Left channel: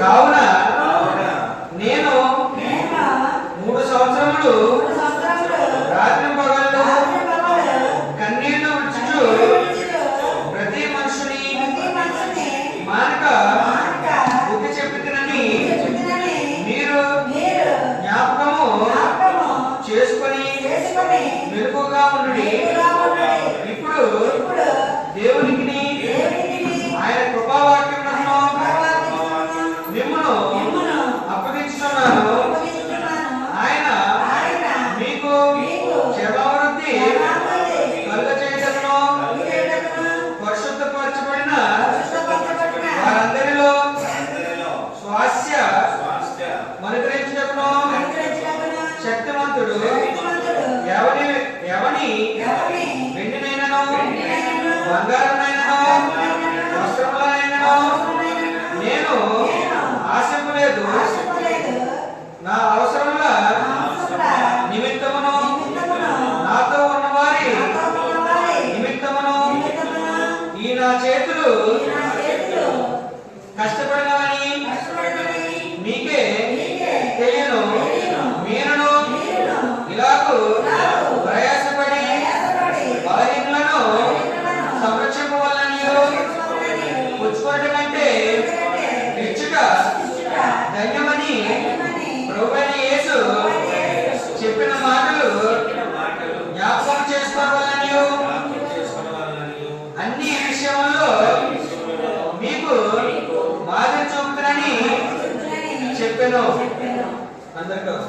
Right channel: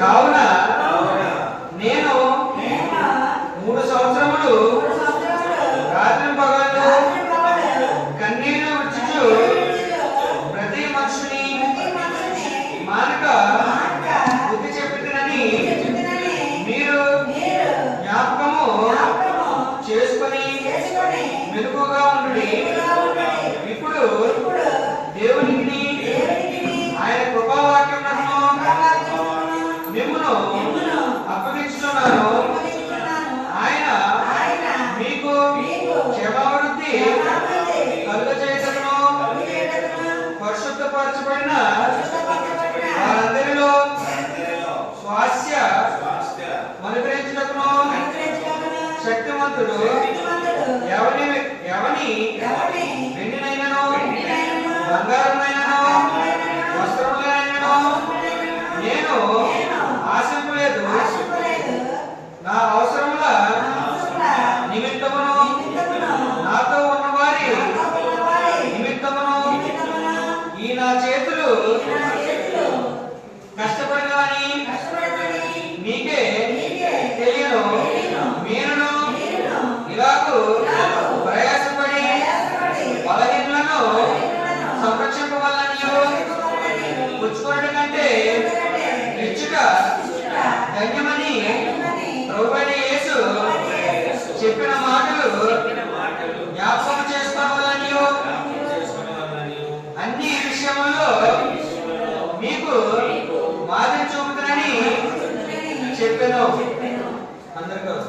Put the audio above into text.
కావున నేను మూడు సంవత్సరములు రాత్రి పగలు కన్నీళ్ళు విడుచుచు. ప్రతి మనుషుని మానక బుద్ధి చెప్తున్నానని మీరు జ్ఞాపకము చేసుకొని చేసుకొని క్షమావృత్తి. కలుగజేయటమును కలుగజేయుటకును పరిశుద్ధపరచబడిన వారందరిలో స్వాస్థ్య అనుగ్రహించుటకును శక్తిమంతుడు శక్తిమంతుడు ఎవని వెండినైనను? వెండినైనను, నా చేతులు ఈ నా చేతులు కష్టపడినవని కష్టపడమని మీకే తెలియను. మీరును ఇలాగు ప్రయాసపడి బలహీనలను సంరక్షించుకోవాలని పుచ్చుకోవడం కంటే ఇచ్చుట ఇచ్చుట ధన్యమని యేసు చెప్పిన మాటలు జ్ఞాపకం చేసుకోవాలని acerca de